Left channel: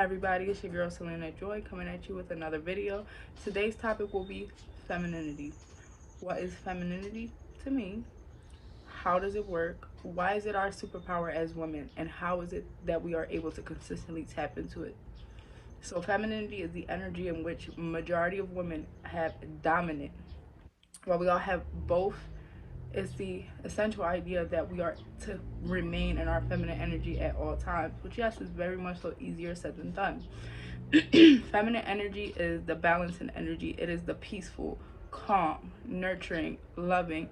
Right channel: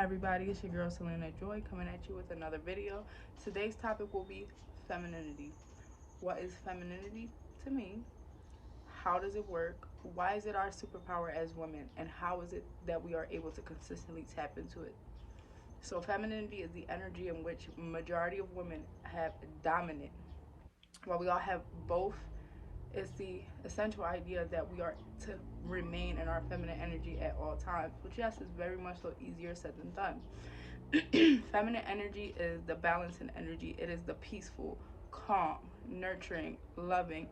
Hi everybody, it's your girl Selena Joy coming at you with another video. Today's topic will be femininity. What is femininity to me? How does it work? Why is it our superpower as women? And how is it that we are able to consistently tap into it? So femininity is the energy in which majority of women have dominant. While we all have both, it's the essential idea that we are to remain in our feminine energy at all times, which yes is very much so easier said than done. Feminine energy is the balancing energy. It is the peaceful, calm, nurturing, loving,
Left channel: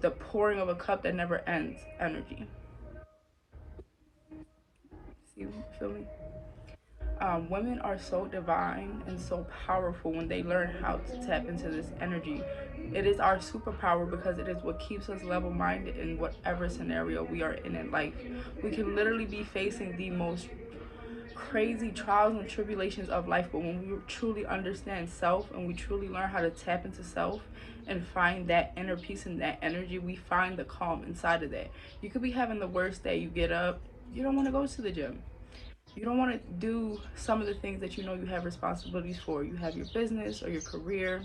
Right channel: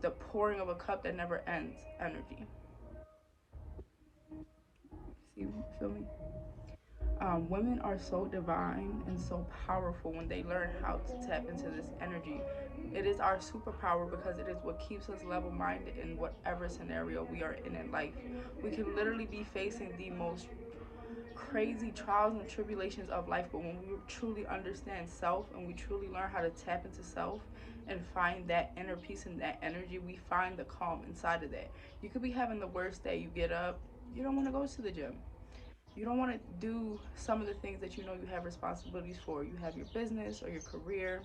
the pouring of a cup that never ends energy. See, feel me? Women are so divine and so powerful when they learn how to tap into this energy. It is our superpower because it is what keeps us level minded in whatever scenario we are in life. We can literally be facing the most crazy trials and tribulations of life, but when we truly understand self and we truly learn how to tap into self and find that inner peace and that energy, we find the calm inside of that. You could be having the worst day. You get up, you don't want to go to the gym, you don't want to do some of the things that you know you have responsibilities for. You have your business or your career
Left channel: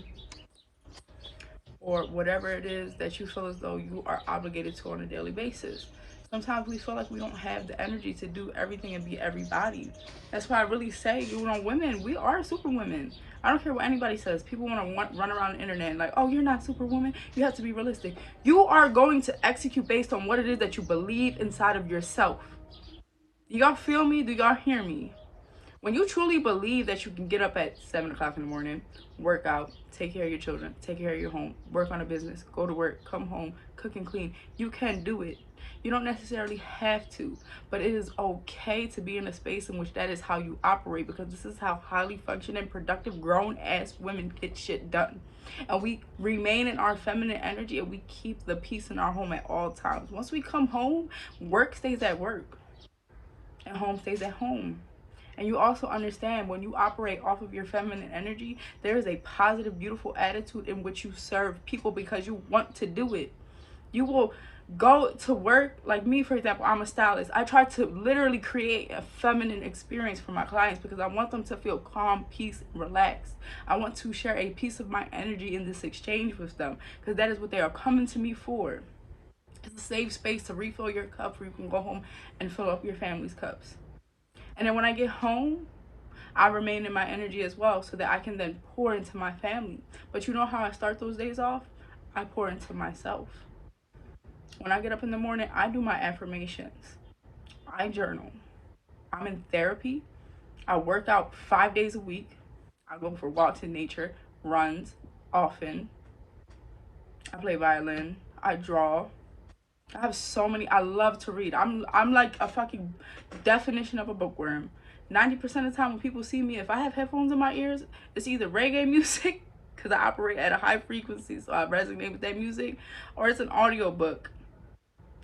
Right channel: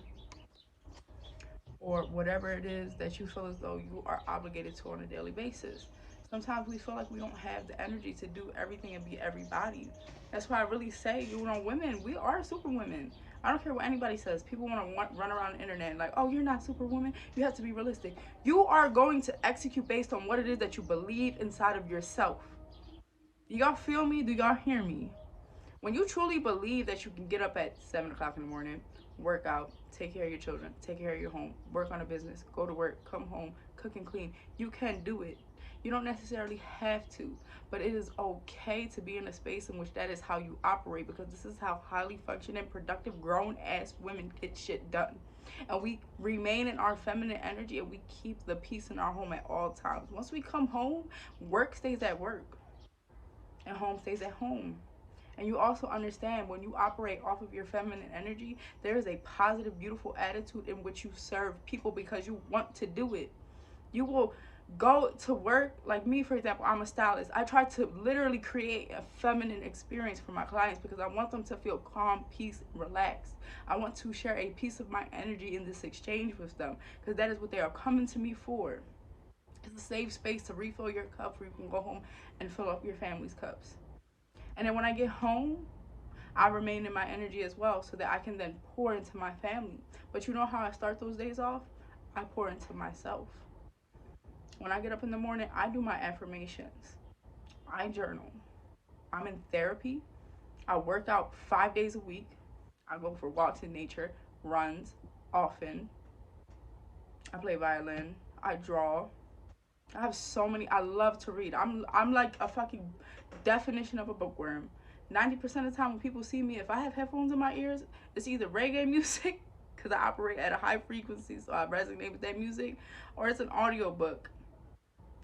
or whatever it is that you feel as though you are obligated to on a daily basis. Sometimes we feel like we don't have the energy to do everything and be everybody. That's why I really say, you know, women, we are superwomen. I don't care what anybody says. People want to run around the internet and like, oh, you're not superwoman. You have to be realistic. You are going to execute based on what it is that you believe inside of yourself. Do y'all feel me? Do y'all hear me? When you truly believe that you can get up at 7 o'clock in the morning, work out, take care of your children, take care of your home, work on a business, go to work, come home, cook and clean, you can do it. You don't necessarily have to, but it is okay to be in a space in which that is how you operate, because this is how highly functioning, productive, grown ass women get shit done. And we remain in our feminine energy and we keep the peace in our home at all times. Once we come home, work stays at work and home stays at home. And you also understand when you operate off of your feminine energy, there is a positive, beautiful attitude in which you serve people because you want to do it. You will go to work. Like me, for example, I'm a stylist. I try to literally create a feminine experience for my clients because I want them to feel calm, peace, relaxed. I want to share a piece of my energy in this exchange with them because that is what they are coming to me for. It's a safe space to refill your cup where you can go home and fill up your family's cups. And then when I get home, I remain in my energy as well so that I can then pour into my family. But you know how I start those days off? I pour into myself. When I get up in the morning, I do my affirmations. I journal. I'm in therapy. I work out 5 days a week. I go for walks in nature, runs often. I play violin. I draw. I have so many. I love to read. I'm like a fucking definition of a bookworm. 90% of the time when people see me, if I have headphones in my ears, it's either reggae music because I operate at a high frequency, so I resonate with that music, or it's an audio book,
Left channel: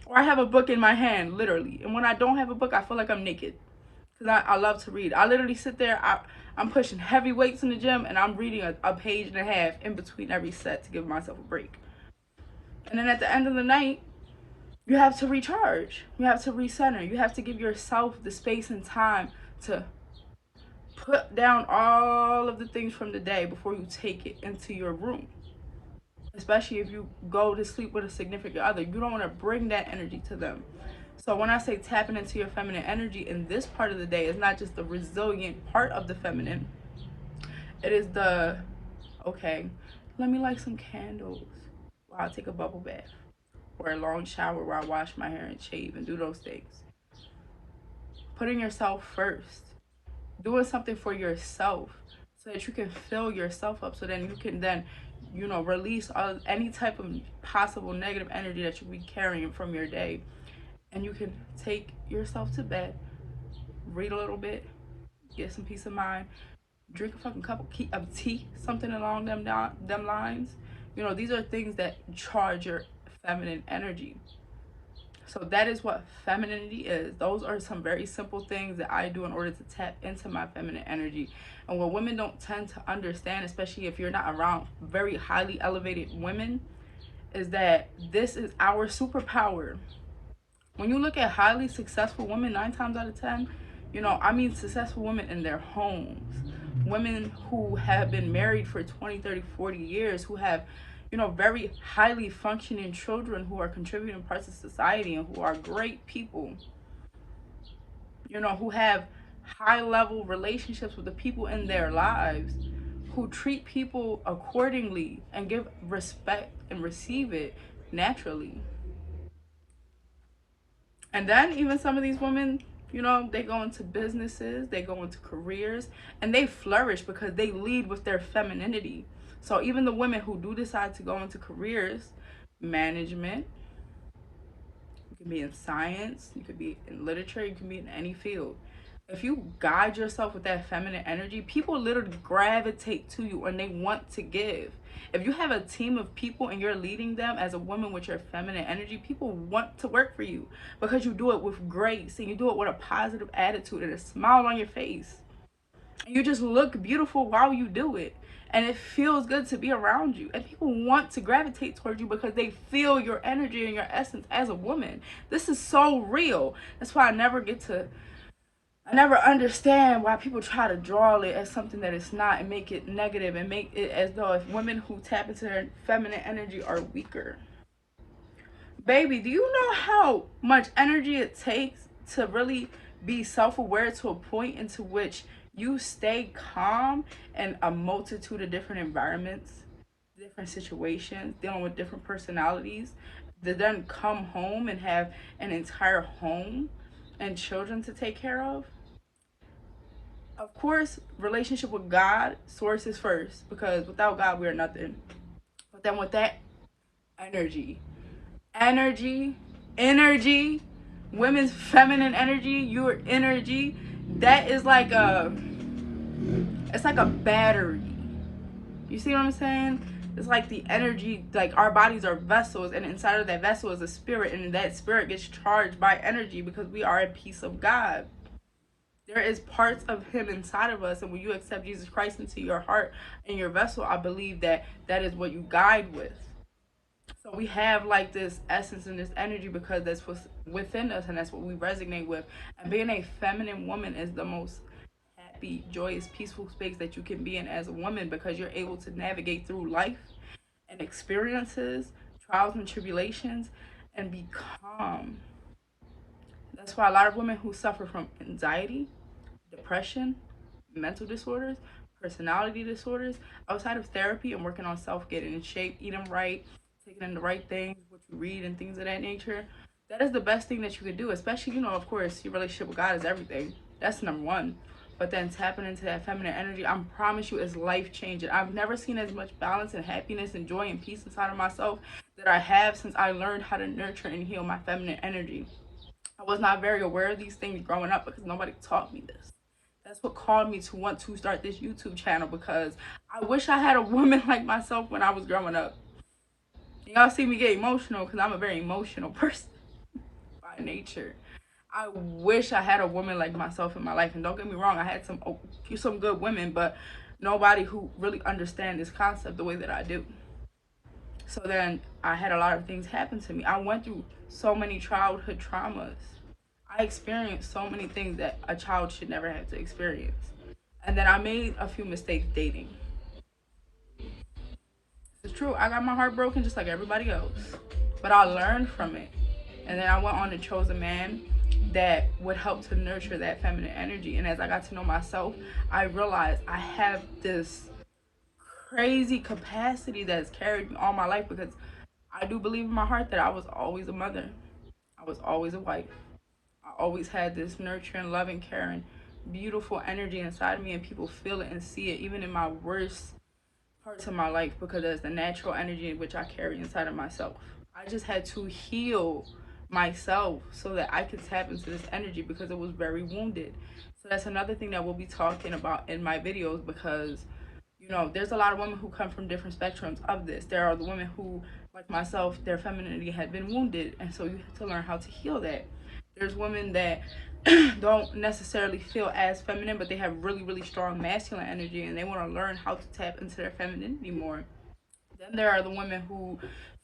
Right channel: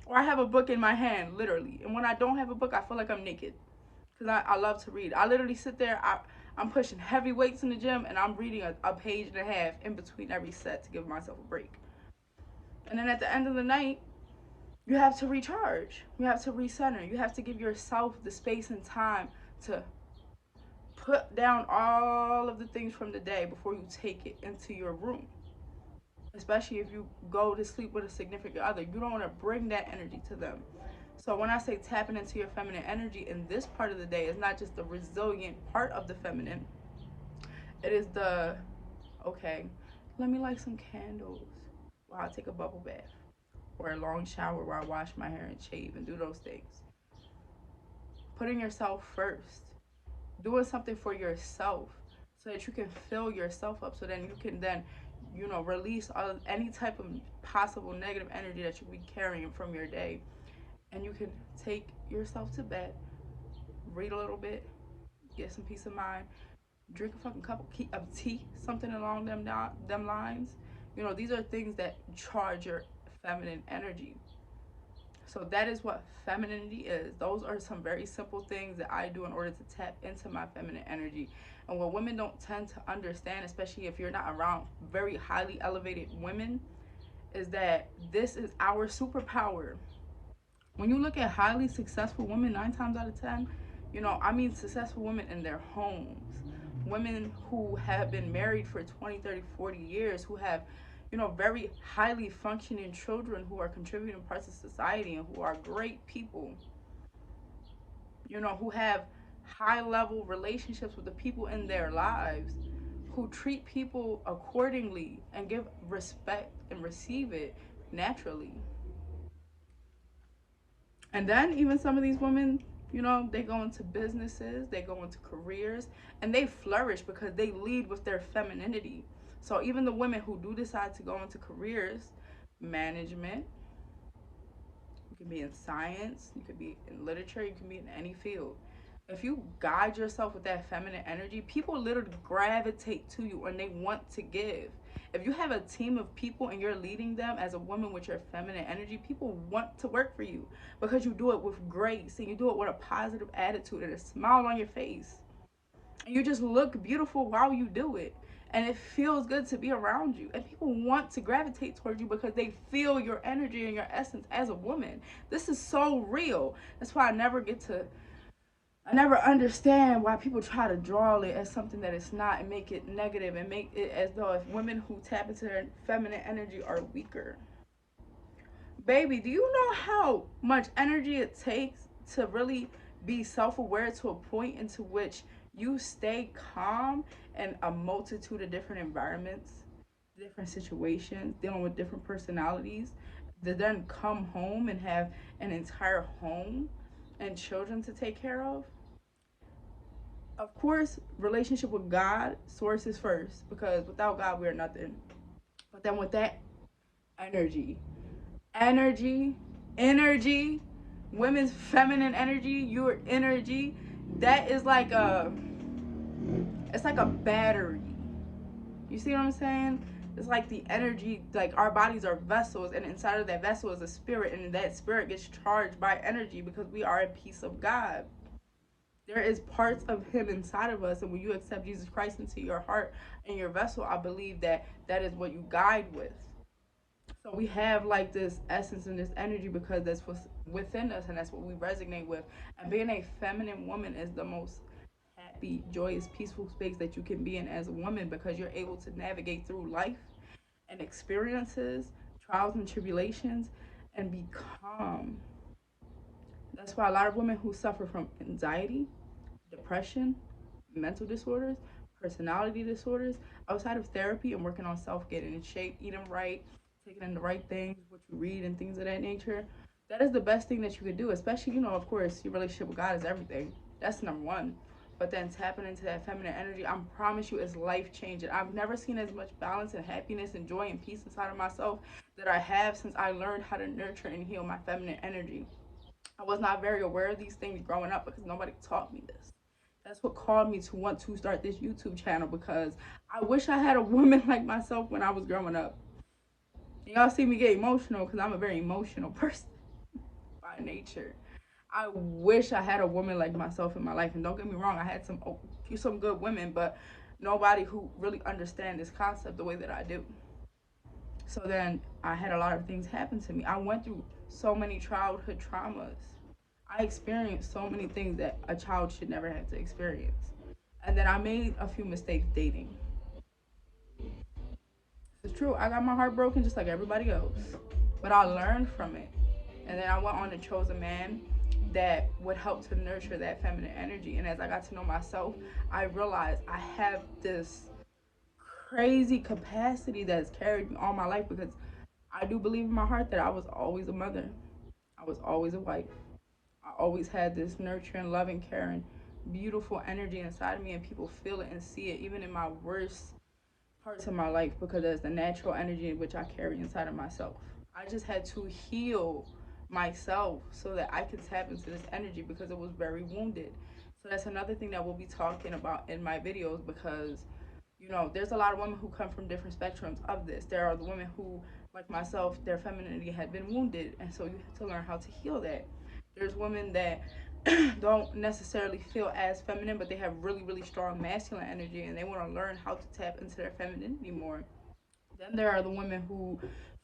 or I have a book in my hand, literally. And when I don't have a book, I feel like I'm naked because I love to read. I literally sit there. I'm pushing heavy weights in the gym, and I'm reading a page and a half in between every set to give myself a break. And then at the end of the night, you have to recharge. You have to recenter. You have to give yourself the space and time to put down all of the things from the day before you take it into your room. Especially if you go to sleep with a significant other, you don't want to bring that energy to them. So when I say tapping into your feminine energy in this part of the day, it's not just the resilient part of the feminine. It is the, okay, let me light some candles while I take a bubble bath or a long shower where I wash my hair and shave and do those things. Putting yourself first, doing something for yourself so that you can fill yourself up, so then you can then, you know, release any type of possible negative energy that you be carrying from your day. And you can take yourself to bed, read a little bit, get some peace of mind, drink a fucking cup of tea, something along them lines. You know, these are things that charge your feminine energy. So that is what femininity is. Those are some very simple things that I do in order to tap into my feminine energy. And what women don't tend to understand, especially if you're not around very highly elevated women, is that this is our superpower. When you look at highly successful women, 9 times out of 10, I mean successful women in their homes, women who have been married for 20, 30, 40 years, who have, very highly functioning children who are contributing parts of society and who are great people, who have high level relationships with the people in their lives, who treat people accordingly and give respect and receive it naturally. And then even some of these women, they go into businesses, they go into careers, and they flourish because they lead with their femininity. So even the women who do decide to go into careers, management, you can be in science, you could be in literature, you can be in any field. If you guide yourself with that feminine energy, people literally gravitate to you and they want to give. If you have a team of people and you're leading them as a woman with your feminine energy, people want to work for you because you do it with grace and you do it with a positive attitude and a smile on your face. And you just look beautiful while you do it. And it feels good to be around you. And people want to gravitate towards you because they feel your energy and your essence as a woman. This is so real. That's why I never understand why people try to draw it as something that it's not and make it negative and make it as though if women who tap into their feminine energy are weaker. Baby, do you know how much energy it takes to really be self aware to a point into which you stay calm in a multitude of different environments, different situations, dealing with different personalities, to then come home and have an entire home and children to take care of? Of course, relationship with God, source is first because without God, we are nothing. But then with that, energy, energy, energy, women's feminine energy, your energy, that is like it's like a battery. You see what I'm saying? It's like the energy, like our bodies are vessels, and inside of that vessel is a spirit, and that spirit gets charged by energy because we are a piece of God. There is parts of him inside of us, and when you accept Jesus Christ into your heart and your vessel, I believe that that is what you guide with. So we have like this essence and this energy because that's what's within us and that's what we resonate with. And being a feminine woman is the most happy, joyous, peaceful space that you can be in as a woman because you're able to navigate through life and experiences, trials and tribulations, and be calm. That's why a lot of women who suffer from anxiety, depression, mental disorders, personality disorders, outside of therapy and working on self, getting in shape, eating right, taking in the right things, what you read, and things of that nature, that is the best thing that you could do. Especially, of course, your relationship with God is everything. That's number one. But then tapping into that feminine energy, I promise you, is life changing. I've never seen as much balance and happiness and joy and peace inside of myself that I have since I learned how to nurture and heal my feminine energy. I was not very aware of these things growing up because nobody taught me this. That's what called me to want to start this YouTube channel because I wish I had a woman like myself when I was growing up. And y'all see me get emotional because I'm a very emotional person by nature. I wish I had a woman like myself in my life. And don't get me wrong, I had some good women, but nobody who really understand this concept the way that I do. So then I had a lot of things happen to me. I went through so many childhood traumas. I experienced so many things that a child should never have to experience. And then I made a few mistakes dating. It's true, I got my heart broken just like everybody else. But I learned from it. And then I went on and chose a man that would help to nurture that feminine energy. And as I got to know myself, I realized I have this crazy capacity that's carried me all my life because I do believe in my heart that I was always a mother. I was always a wife. I always had this nurturing, loving, caring, beautiful energy inside of me, and people feel it and see it even in my worst parts of my life because there's the natural energy in which I carry inside of myself. I just had to heal myself so that I could tap into this energy because it was very wounded. So that's another thing that we'll be talking about in my videos because there's a lot of women who come from different spectrums of this. There are the women who, like myself, their femininity had been wounded, and so you have to learn how to heal that. There's women that don't necessarily feel as feminine, but they have really, really strong masculine energy, and they want to learn how to tap into their femininity more. Then there are the women who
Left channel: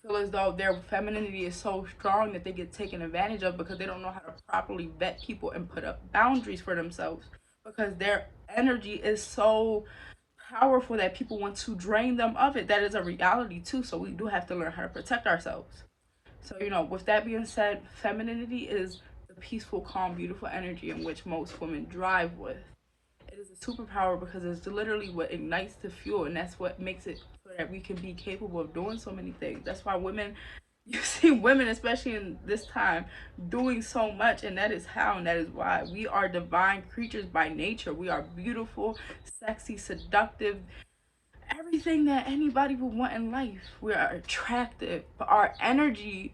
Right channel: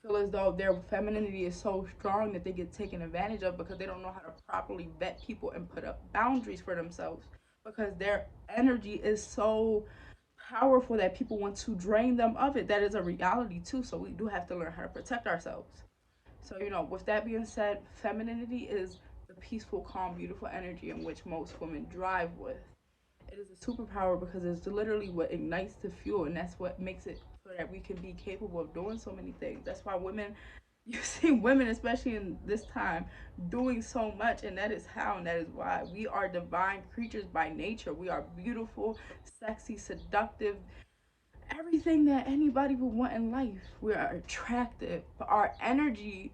feel as though their femininity is so strong that they get taken advantage of because they don't know how to properly vet people and put up boundaries for themselves, because their energy is so powerful that people want to drain them of it. That is a reality too. So we do have to learn how to protect ourselves. So, with that being said, femininity is the peaceful, calm, beautiful energy in which most women drive with. It is a superpower because it's literally what ignites the fuel, and that's what makes it so that we can be capable of doing so many things. That's why women, you see women, especially in this time, doing so much, and that is how, and that is why. We are divine creatures by nature. We are beautiful, sexy, seductive, everything that anybody would want in life. We are attractive, but our energy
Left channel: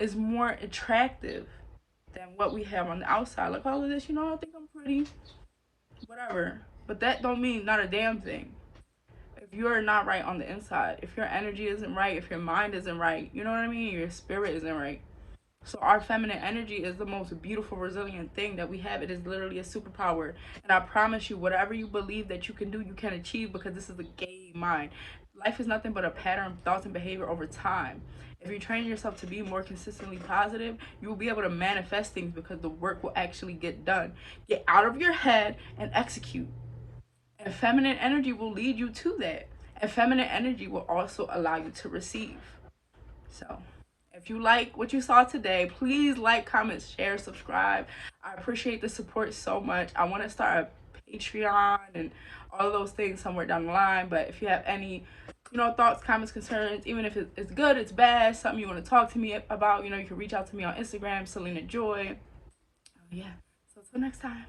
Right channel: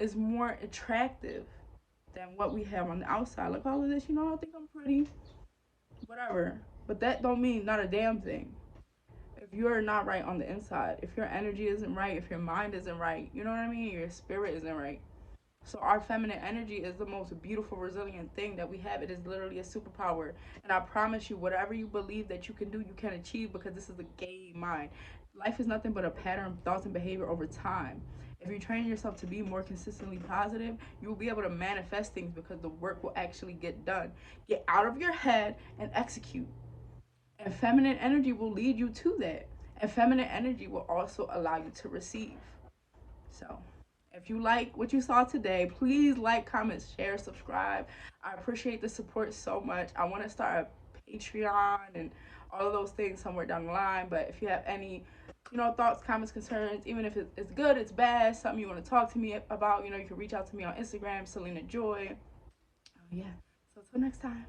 is more attractive than what we have on the outside. Like all of this, I think I'm pretty, whatever. But that don't mean not a damn thing. If you're not right on the inside, if your energy isn't right, if your mind isn't right, you know what I mean? Your spirit isn't right. So our feminine energy is the most beautiful, resilient thing that we have. It is literally a superpower. And I promise you, whatever you believe that you can do, you can achieve, because this is a game mind. Life is nothing but a pattern of thoughts and behavior over time. If you train yourself to be more consistently positive, you will be able to manifest things because the work will actually get done. Get out of your head and execute. And feminine energy will lead you to that. And feminine energy will also allow you to receive. So, if you like what you saw today, please like, comment, share, subscribe. I appreciate the support so much. I want to start a Patreon and all of those things somewhere down the line. But if you have any, thoughts, comments, concerns, even if it's good, it's bad, something you want to talk to me about, you can reach out to me on Instagram, Selena Joy. Oh, yeah. So, until next time.